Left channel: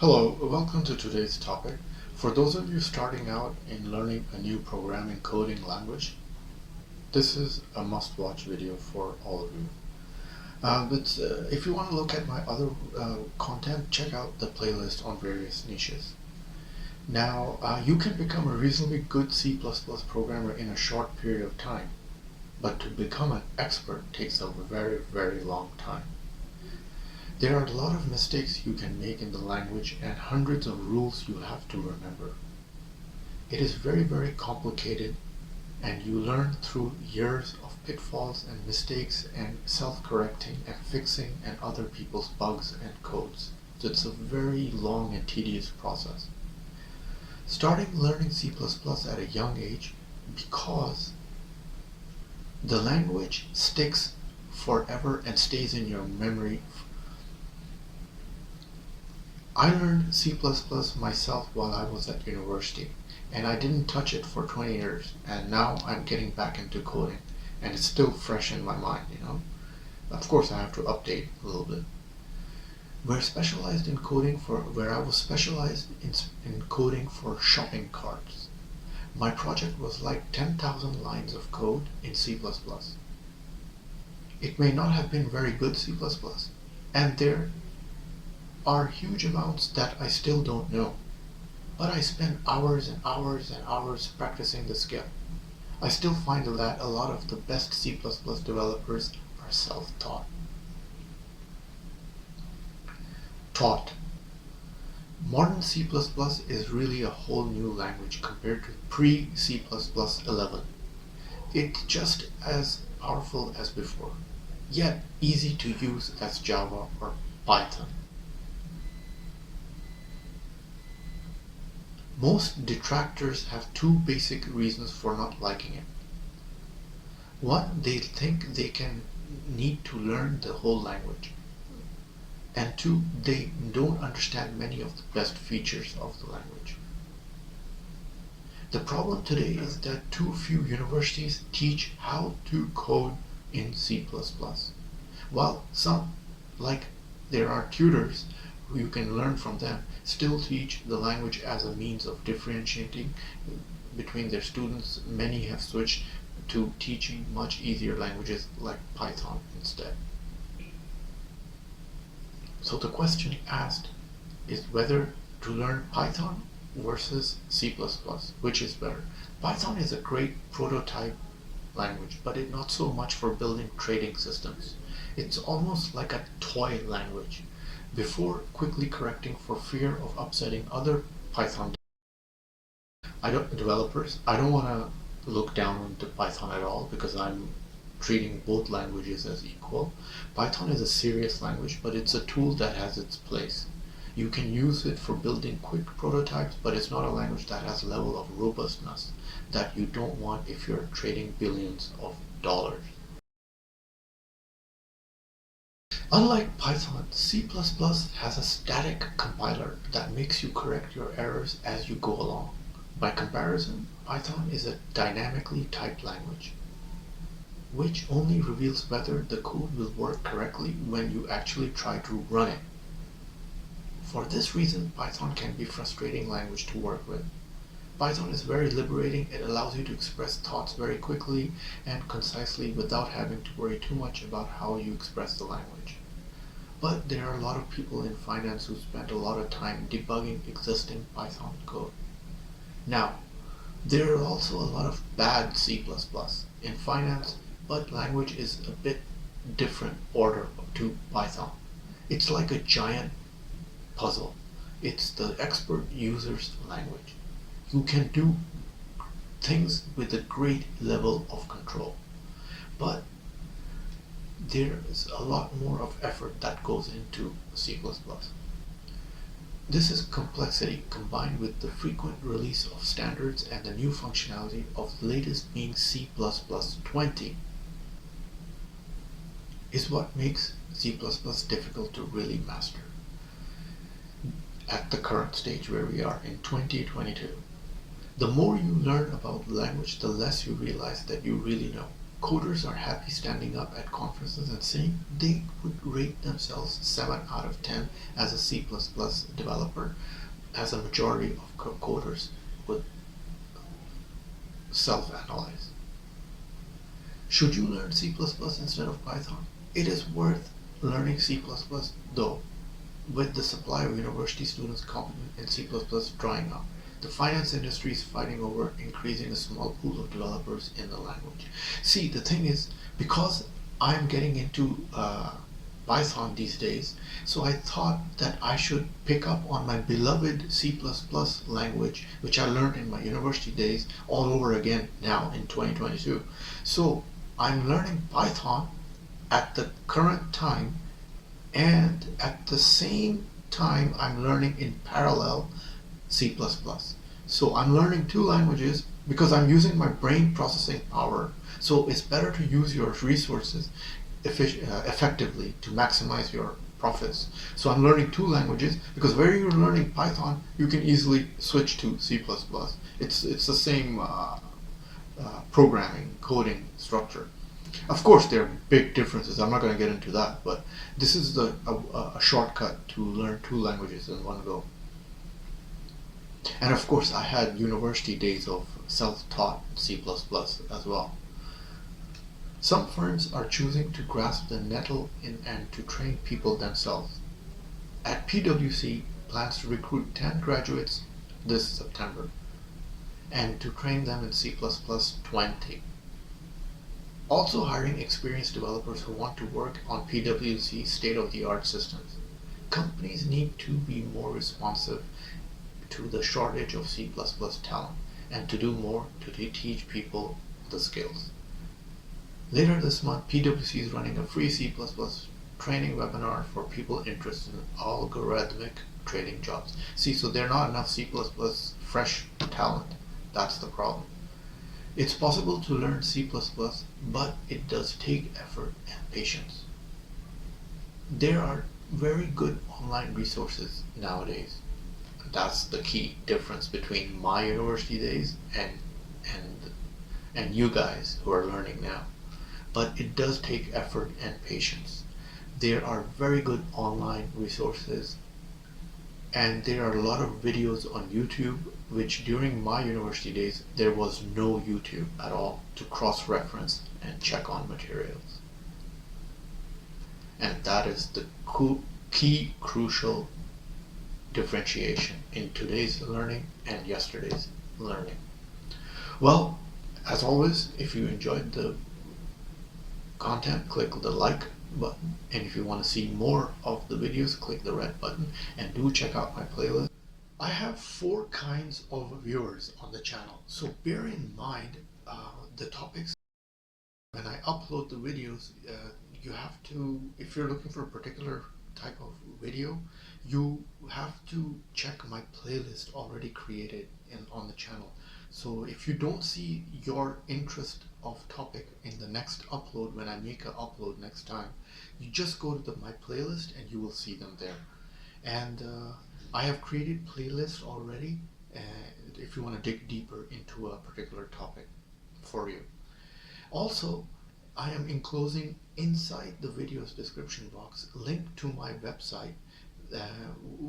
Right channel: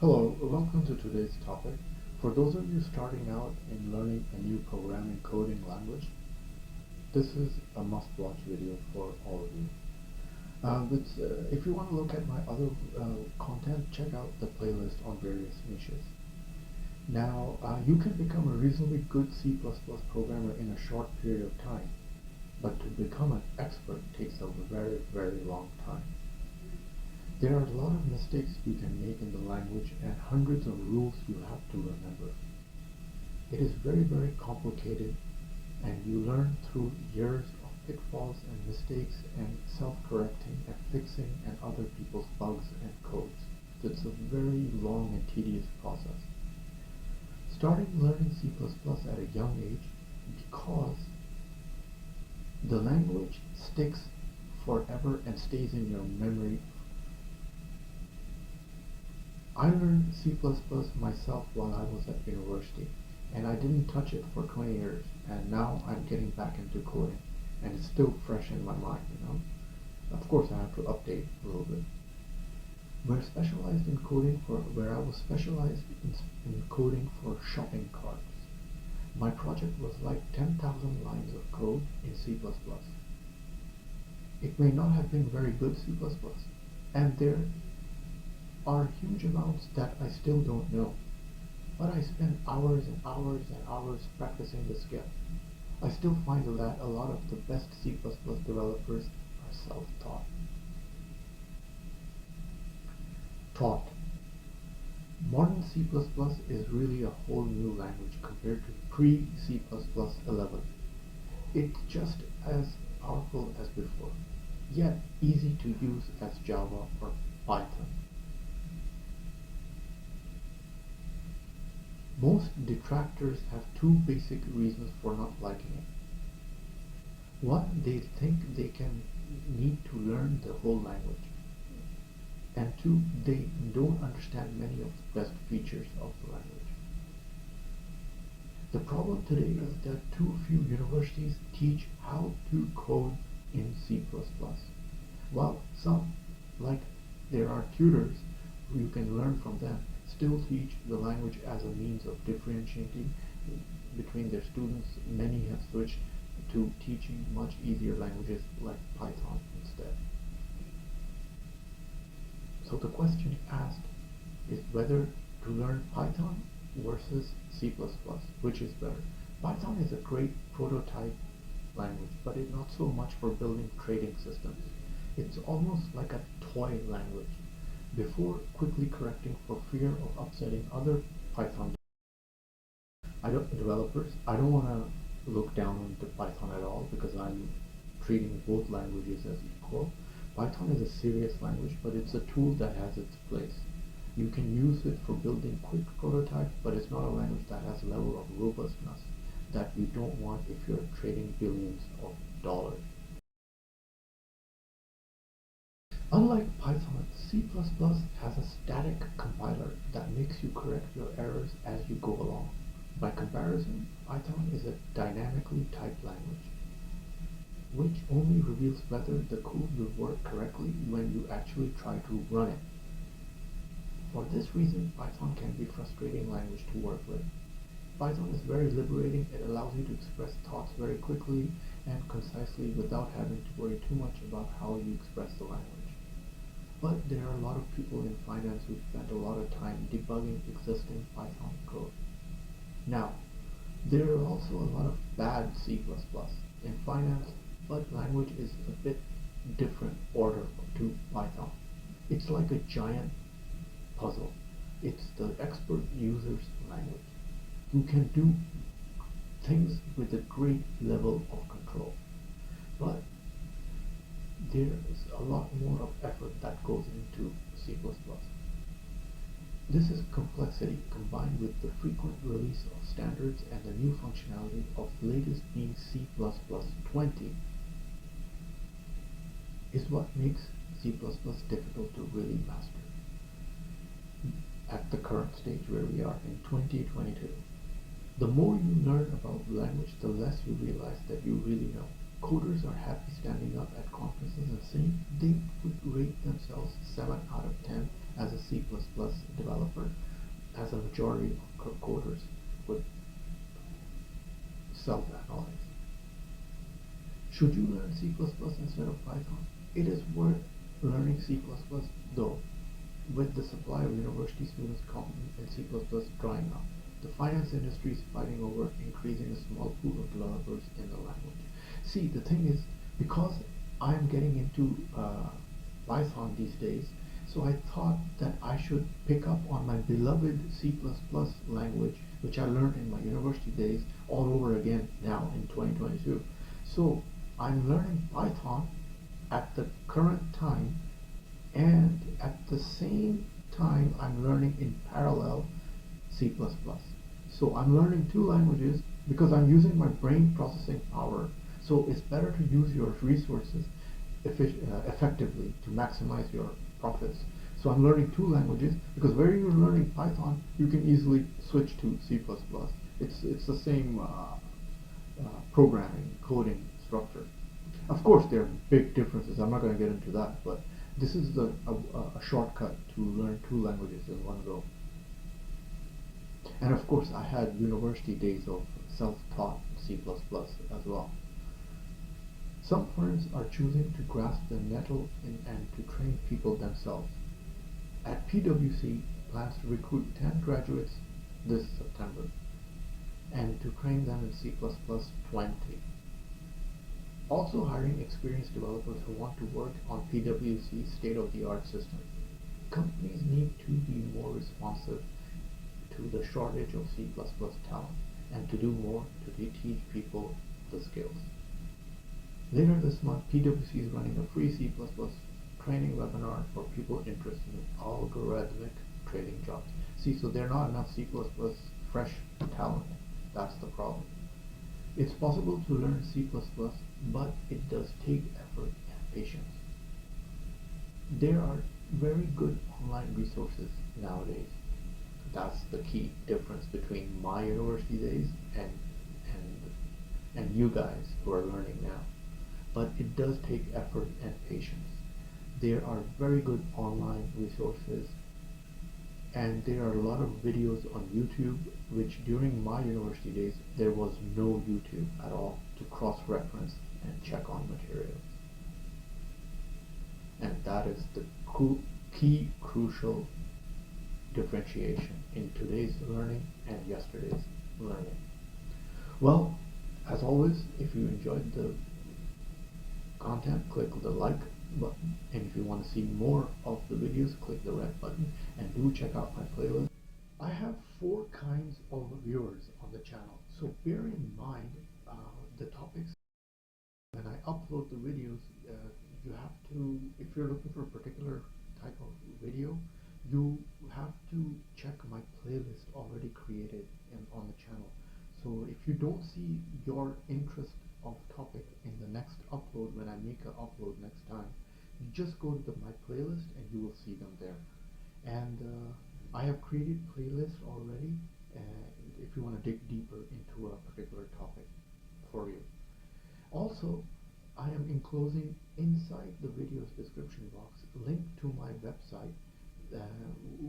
Hello, welcome to today's topic. For those of you starting out in learning a new programming coding language, this is a must-watch video for all of you. But if you want to look at my other content, check out the playlist on various niches. Now, you can become a reasonably good C++ programmer in a short period of time, but to become an expert takes a very, very long time. There are a lot of mistakes you can make in the language and hundreds of rules you have to remember. It is very, very complicated, and you learn through years of pitfalls and mistakes and self-correcting and fixing and other people's bugs and codes. So it's a very long and tedious process. Starting learning C++ at a young age because the language sticks forever and stays in your memory. I learned C++ myself while I was at university, and I didn't touch it for 20 years, and now I'm getting back into coding, and it's still fresh in my mind, Of course, I have to update a little bit. Where I was specialized in coding for shopping carts. My project was like 10,000 lines of code in C++. It may not have been very good C++, and there are huge amounts that I still don't know, but I spent hours and hours and hours practicing the skill. I still find that a lot of the best C++ developers are self-taught. Modern C++ is really a whole new language compared to pre-C++ 11. It's just as powerful as before, yet easy to use as Java or Python. Most detractors have two basic reasons for not liking it. One, they think they need to learn the whole language. And two, they don't understand many of the best features of the language. The problem today is that too few universities teach how to code in C++. While some, like there are tutors who you can learn from them, still teach the language as a means of differentiating between their students. Many have switched to teaching much easier languages like Python instead. So the question asked is whether to learn Python versus C++, which is better. Python is a great prototype language, but it's not so much for building trading systems. It's almost like a toy language. Before quickly correcting for fear of upsetting other Python developers, I don't want to look down on Python at all because I'm treating both languages as equal. Python is a serious language, but it's a tool that has its place. You can use it for building quick prototypes, but it's not a language that has a level of robustness that you don't want if you're trading billions of dollars. Unlike Python, C++ has a static compiler that makes you correct your errors as you go along. By comparison, Python is a dynamically typed language, which only reveals whether the code will work correctly when you actually try to run it. For this reason, Python can be a frustrating language to work with. Python is very liberating. It allows you to express thoughts very quickly and concisely without having to worry too much about how you express the language. But there are a lot of people in finance who spend a lot of time debugging existing Python code. Now, there are also a lot of bad C++ in finance, but language is a bit different order to Python. It's like a giant puzzle. It's the expert user's language. You can do things with a great level of control, but there is a lot more of effort that goes into C++. This is complexity combined with the frequent release of standards and the new functionality of the latest being C++ 20 is what makes C++ difficult to really master at the current stage where we are in 2022. The more you learn about the language, the less you realize that you really know. coders are happy standing up at conferences and saying they would rate themselves 7 out of 10 as a C++ developer, as a majority of coders would self-analyze. Should you learn C++ instead of Python? It is worth learning C++ though, with the supply of university students competent in C++ drying up. The finance industry is fighting over increasing a small pool of developers in the language. See, the thing is, because I'm getting into Python these days, so I thought that I should pick up on my beloved C++ language, which I learned in my university days, all over again now in 2022. So I'm learning Python at the current time, and at the same time I'm learning in parallel C++. So I'm learning two languages because I'm using my brain processing power. So it's better to use your resources effectively to maximize your profits. So I'm learning two languages because where you're learning Python, you can easily switch to C++. It's the same programming, coding structure. Of course, there are big differences. I'm not going to get into that, but this is a shortcut to learn two languages in one go. And of course, I had university days of self-taught C++ as well. Some firms are choosing to grasp the nettle and to train people themselves. At PwC, plans to recruit 10 graduates this September and to train them in C++ 20. Also hiring experienced developers who want to work on PwC state-of-the-art systems. Companies need to be more responsive to the shortage of C++ talent and to do more to teach people the skills. Later this month, PwC is running a free C++ training webinar for people interested in algorithmic trading jobs. See, so there are not enough C++ fresh talent. That's the problem. It's possible to learn C++, but it does take effort and patience. There are very good online resources nowadays. That's the key difference between my university days and you guys who are learning now. But it does take effort and patience. There are very good online resources, and there are a lot of videos on YouTube, which during my university days there was no YouTube at all to cross-reference and check on materials. And that is the key crucial differentiation in today's learning and yesterday's learning. Well, as always, if you enjoyed the content, click the like button, and if you want to see more of the videos, click the red button, and do check out my playlist. I have 4 kinds of viewers on the channel, so bear in mind the topics. When I upload the videos, you have to, if you're looking for a particular type of video, you have to check my playlist already created on the channel. So if you don't see your interest of topic in the next upload, when I make an upload next time, you just go to my playlist and you will see them there. And I have created playlists already if you want to dig deeper into a particular topic for you. Also, I am enclosing inside the video's description box link to my website,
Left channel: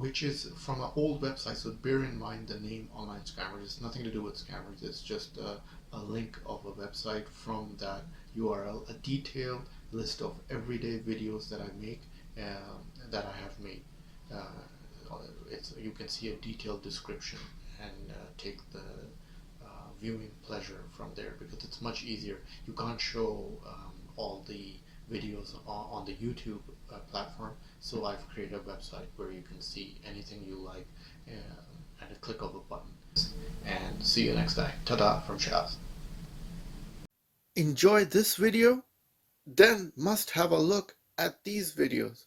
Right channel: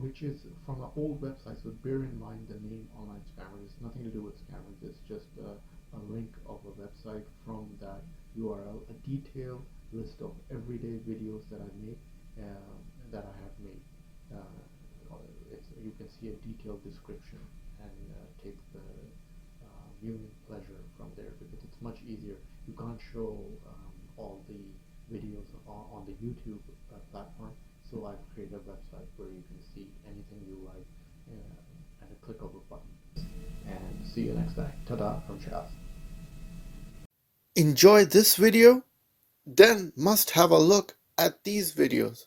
which is from an old website, so bear in mind the name Online Scammers. It's nothing to do with scammers, it's just a link of a website from that URL, a detailed list of everyday videos that I make, that I have made. You can see a detailed description and take the viewing pleasure from there, because it's much easier. You can't show all the videos on the YouTube platform, so I've created a website where you can see anything you like at a click of a button. And see you next time. Ta-da from Shaz. Enjoy this video? Then must have a look at these videos.